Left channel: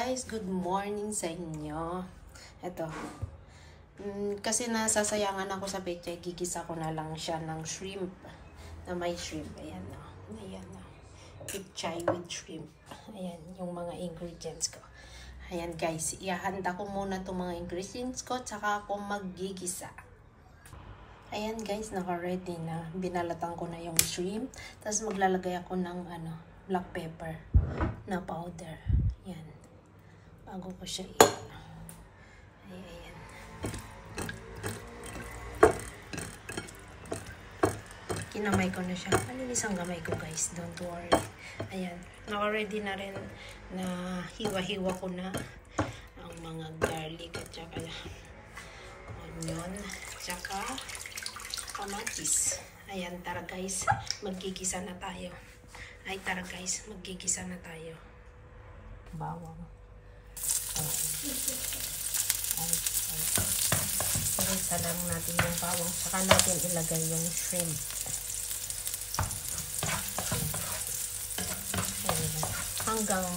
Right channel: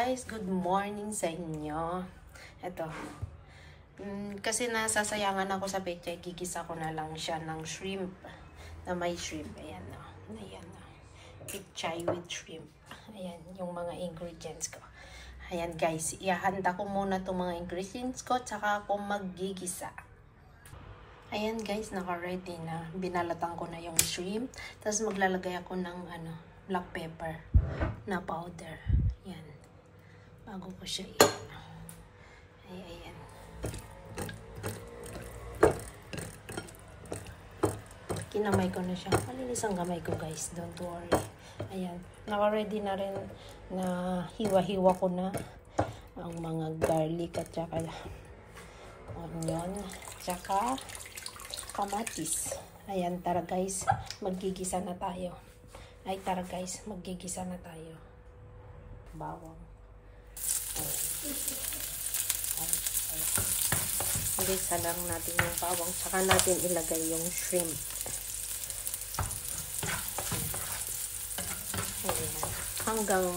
guys, good morning sa inyo. Ito. Kasi nasasayangan ako sa pechay, gigisa ko na lang siya ng shrimp. Na may shrimp. Ayan na. Ayan na. Pechay with shrimp. Ayan, yung mga ingredients ko. Ayan guys, ihahanda ko muna itong mga ingredients ko, tsaka ako maggigisa. Ayan guys, naka-ready na. Binalatan ko na yung shrimp. Tapos maglalagay ako ng black pepper na powder. Ayan. Bago ko siya ayan. Kinamay ko na siya. Isang kamay ko guys. Don't worry. Ayan. Naka-ready na rin na hiwa-hiwa ko na ang mga garlic at saka onion. Tsaka kamatis. Ayan. Tara guys. Maggigisa na tayo. Tara guys. Maggigisa na tayo. Bawang. Gisa lang natin yung bawang. Saka natin ilagay yung shrimp. Hanggang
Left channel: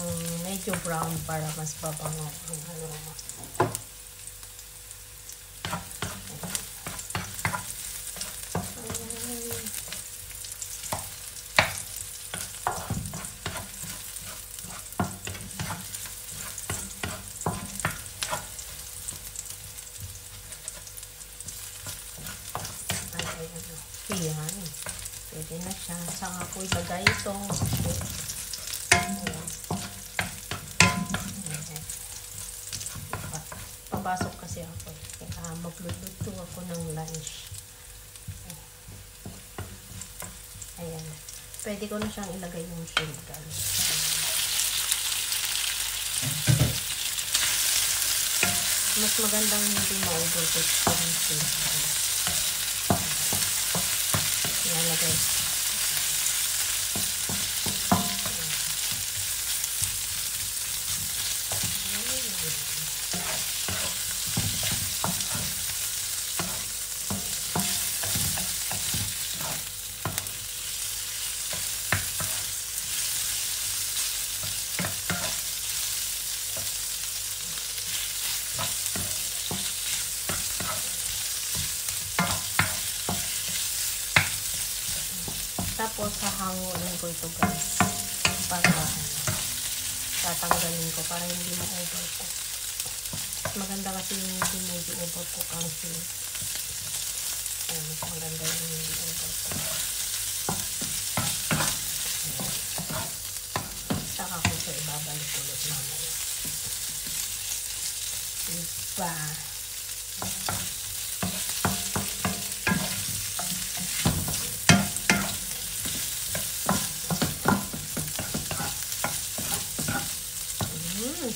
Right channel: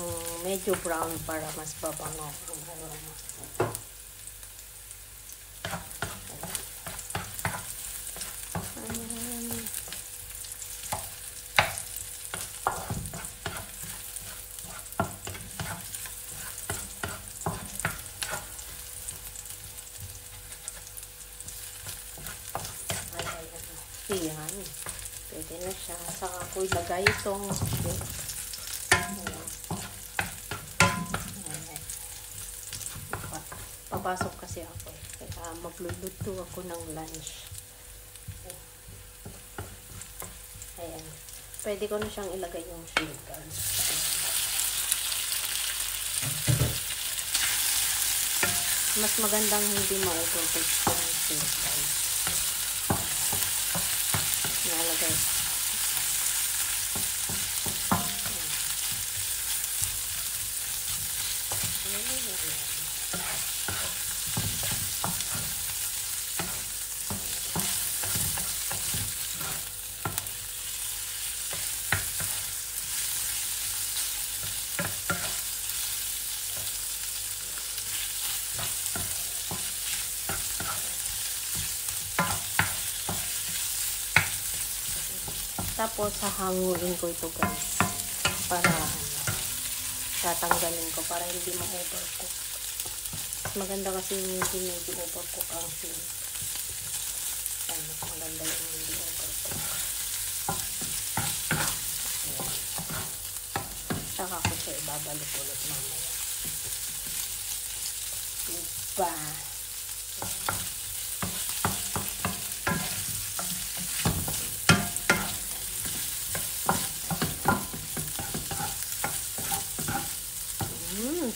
medyo brown para mas pabango ang aroma. Yan. Pwede na siya. Saka ko ilagay itong papasok kasi ako. Kaya magluluto ako ng lunch. Ayan. Pwede ko na siyang ilagay yung shrimp guys. Mas magandang hindi ma-overcook ang shrimp. Tapos, hahangulin ko ito guys. Para tatanggalin ko. Para hindi ma-overcook. Maganda kasi hindi overcook ang shrimp. Maganda yung hindi overcook. Saka ko siya ibabalik ulit naman. Diba?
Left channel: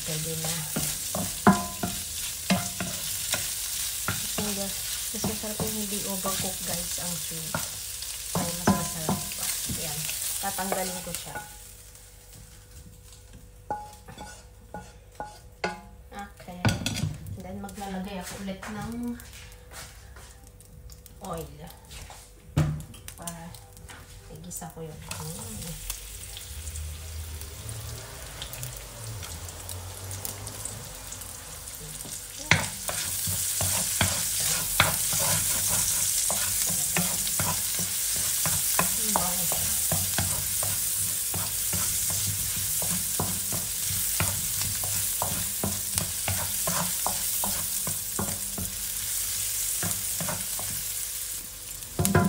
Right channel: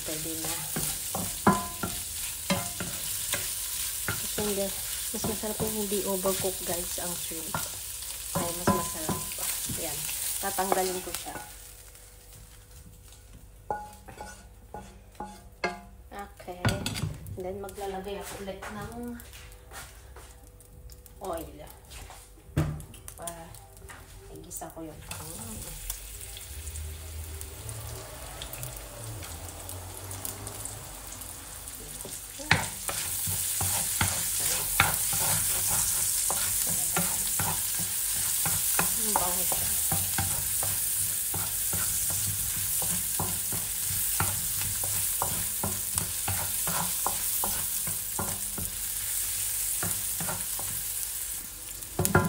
Pwede na. Kasi sabi hindi overcook guys ang shrimp. Ay, mas masarap. Ayan. Tatanggalin ko siya. Okay. Then maglalagay ako ulit ng oil. Para igisa ko yung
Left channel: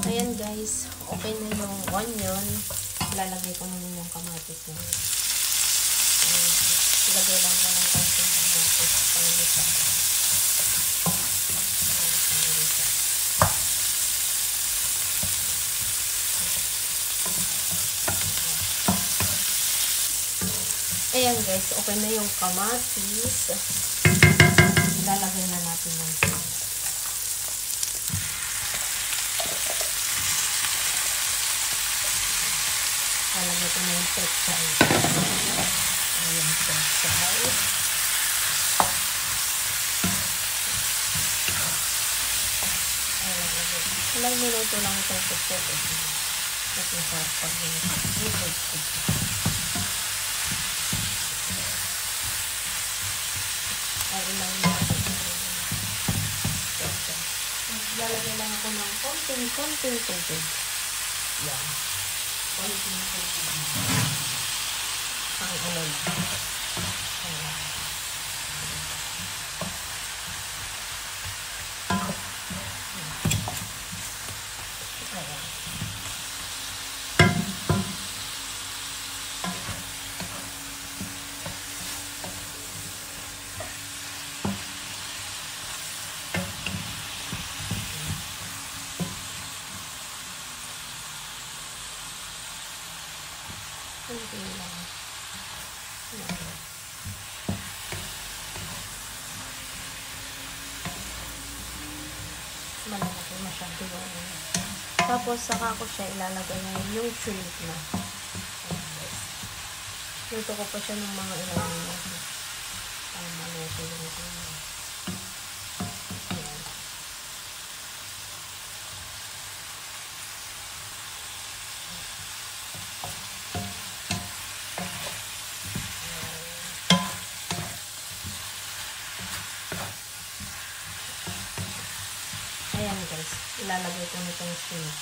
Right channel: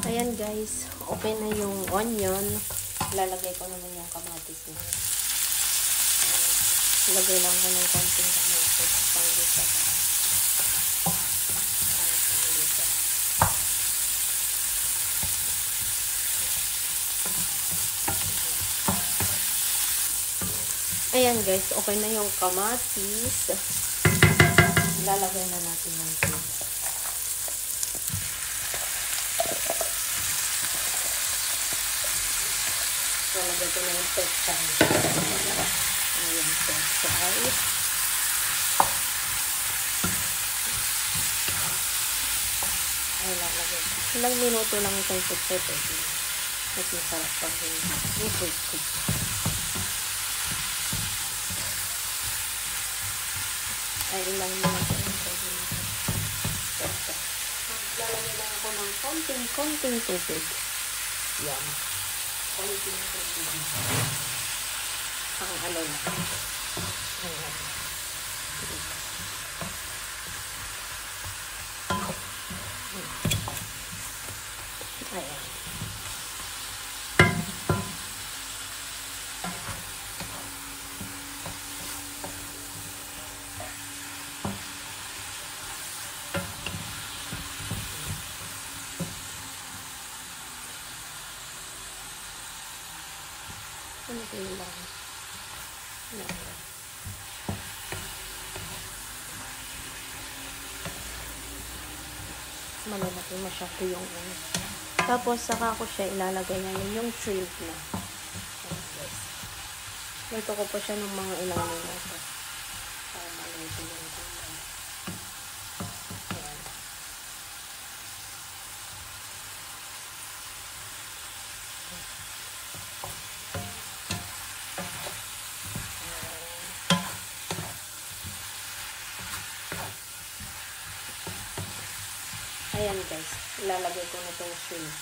ayan guys, okay na yung onion. Lalagay ko naman yung kamatis na. Ilagay lang yung kamatis. Ayan guys, okay na yung kamatis. Lalagay na natin yung lalagay ko na yung pechay. Ilang minuto lang itong pechay. Ito sa akin. nakakailan na. Maglalagay lang ako ng konting tubig. Yan. Konting tubig. Ang ano lang. Tapos saka ko siya ilalagay na yung shrimp na. Ito ko pa siya ng mga ilalagay na. Para maluto yung ayan guys, ilalagay ko na itong shrimp.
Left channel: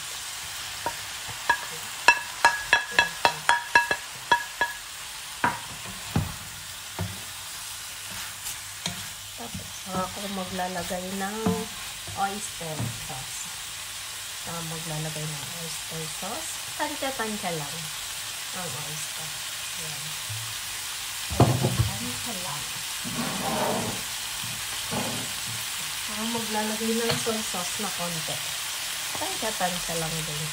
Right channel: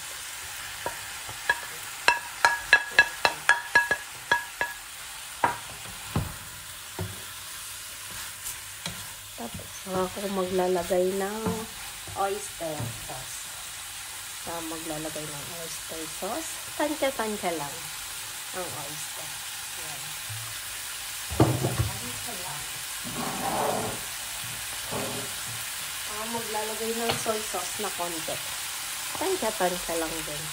Tapos ako maglalagay ng oyster sauce. Maglalagay ng oyster sauce. Tansya-tansya lang ang oyster. Tansya lang. Maglalagay ng soy sauce na konti. Tansya lang din.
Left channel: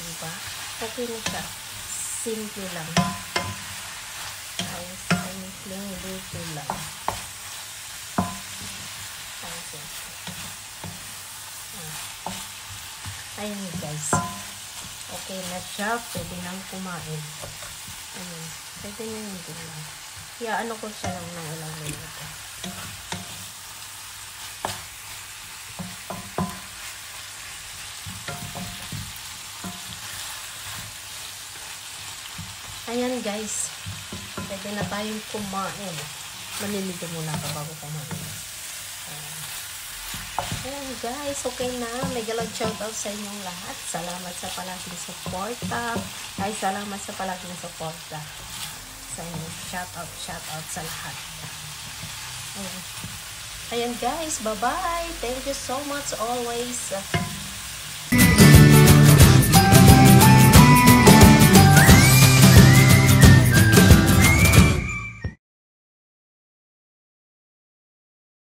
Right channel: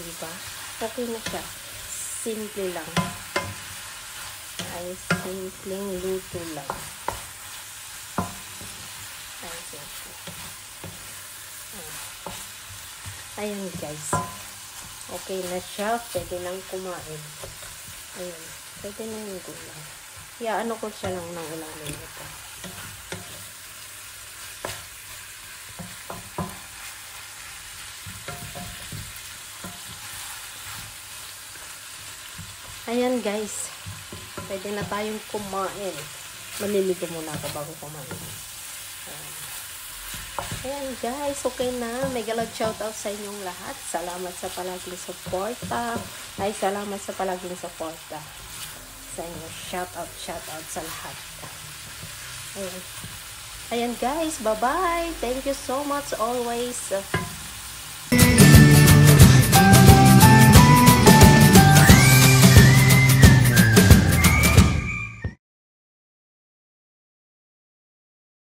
Diba? Kasi na siya. Simple lang. Ay, simple luto lang. Ayun guys. Okay na siya. Pwede nang kumain. Ayan. Pwede nyo yung gulay. Ano ko siya lang na umamin. Ayan guys. Pwede na tayong kumain. Malilito muna ako bago kumain. Ayan guys. Okay na. Mega love shoutout sa inyong lahat. Salamat sa palaging suporta. Ay, salamat sa palaging suporta sa inyo. Shoutout sa lahat. Ayan guys. Bye-bye. Thank you so much always.